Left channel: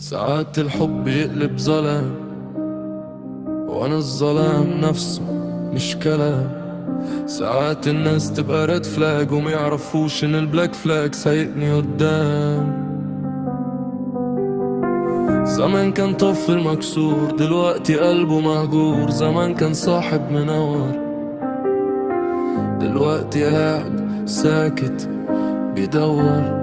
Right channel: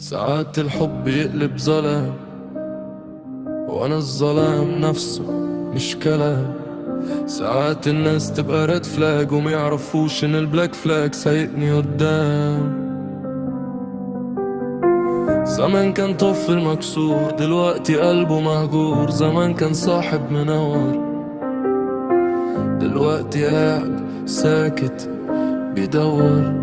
ساعات الحب يقلب ظلام، وانا الظلام نفسه مش كلام. ساعات الناس تبقى ريد فلاج وما يعرفوش ان البلاك فلاج سايقني قدام. زمان كان طفل مكسور، دلوقتي قلبه مهجور. زمان كان صاحب منور، دلوقتي قاعد ساكت بيدور.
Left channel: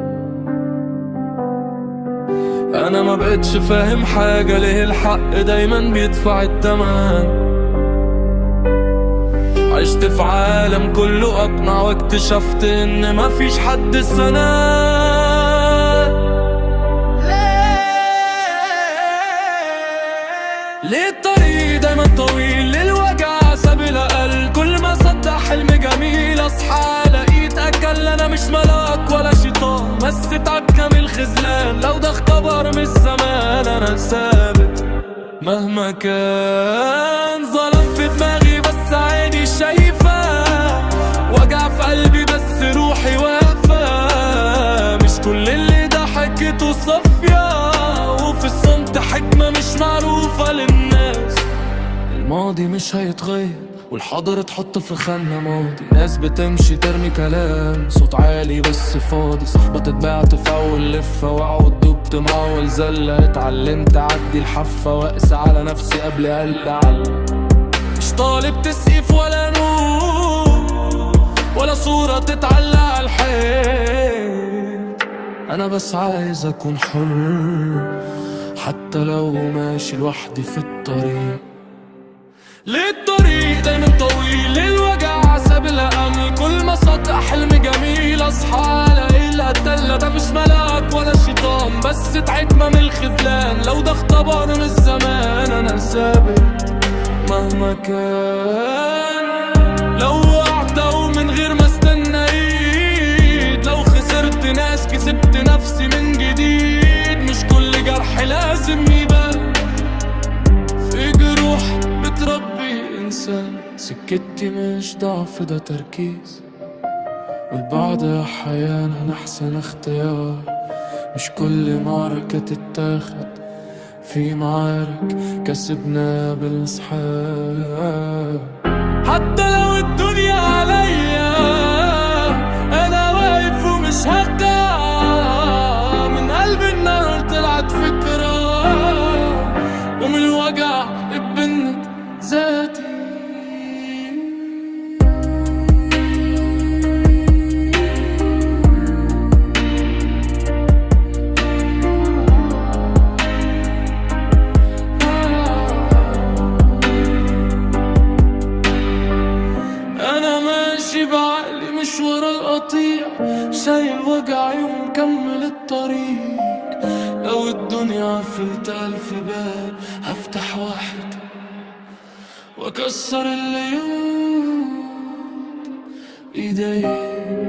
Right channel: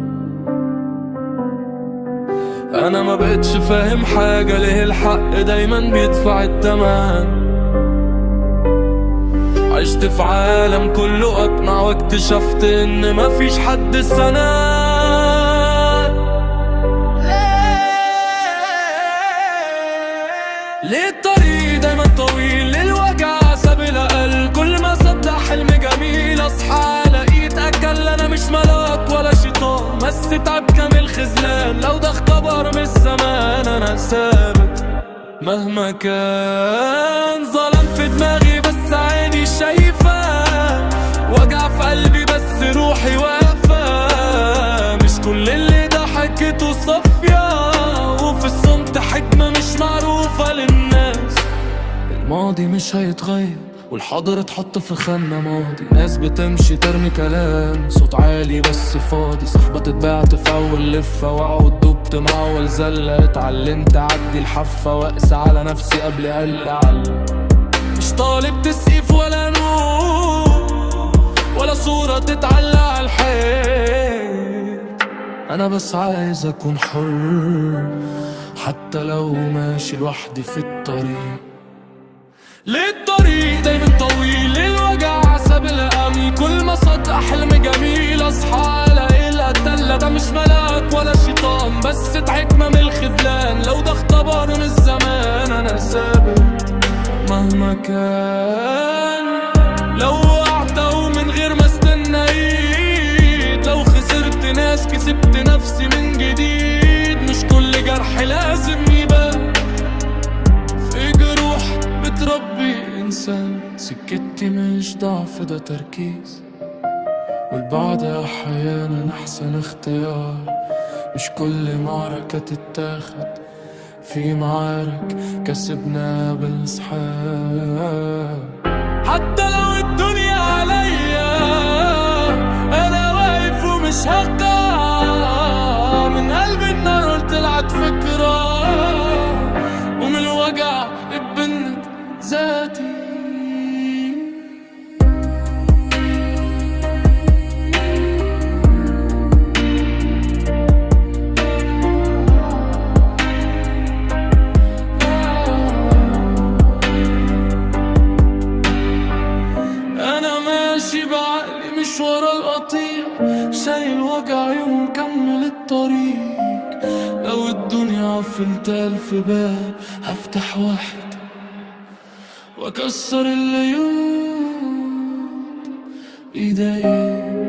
انا ما بقتش فاهم حاجة، ليه الحق دايما بيدفع التمن؟ عشت في عالم كله اقنع واكتشفت ان مفيش حد سند. ليه الطريق دايما طويل؟ ليه الوجع ساب الأقل؟ كل ما صدق حلم جميل اصحى لقيت اكل. انا مش ملاك ولا شيطان، بس تعب كامل خذلان. لو ده اختبر من الزمان انا ثابت مهما كان. ظلم في دماغي بس عيني شايفة، وجع في قلبي بس روحي واقفة. مش كل اللي ضحكته صافية، وفي الصمت حكمة مش معروفة للناس. الماضي مش هيتغير والحاضر اتحط في خانة ماضي. ناس بتمشي ترمي كلام صوت عالي بس فاضي. صحبة اتبعت في اول لفة، واقعد دبت مع اول زلة. اتعلمت اعدي الحفة واقسى على نفسي قبل علة. مش طالب تسقيف ولا نور ولا صورة تتعلق على الحيط. انا بس عايز اكون حر حتى لو ماشي لوحدي في الطريق. ليه الطريق دايما طويل؟ ليه الوجع ساب الأمل؟ كل ما صدق حلم جميل اصحى الاقي القتلة. ده مش ملاك ولا شيطان، بس حكمة من الخذلان. لو ده اختبر من الزمان انا ثابت مهما كان. لو وقعت ومن غير ما استنى ايد، لو خسرت ناس كسبت نفسي من جديد. مش كل جرح لازم يبان، في جروح بتربي إنسان. سكتي مش ضعف ده تركيز، والبعد أحيانا أحسن اختيار. مش كل معركة تتاخد، في معارك كسبنا بالسحاب. حتى لو الدنيا عليا أنا واقف ومش هقع. من قلبي النار طلعت فكرة، ومن الوجع اتبنت ذاتي. انا ماشي بعقلي مش ورا القطيع، شايل وجعي ومكمل الطريق. لو الدنيا قفلت 1000 باب هفتح واحد واكسر الليود بايدي.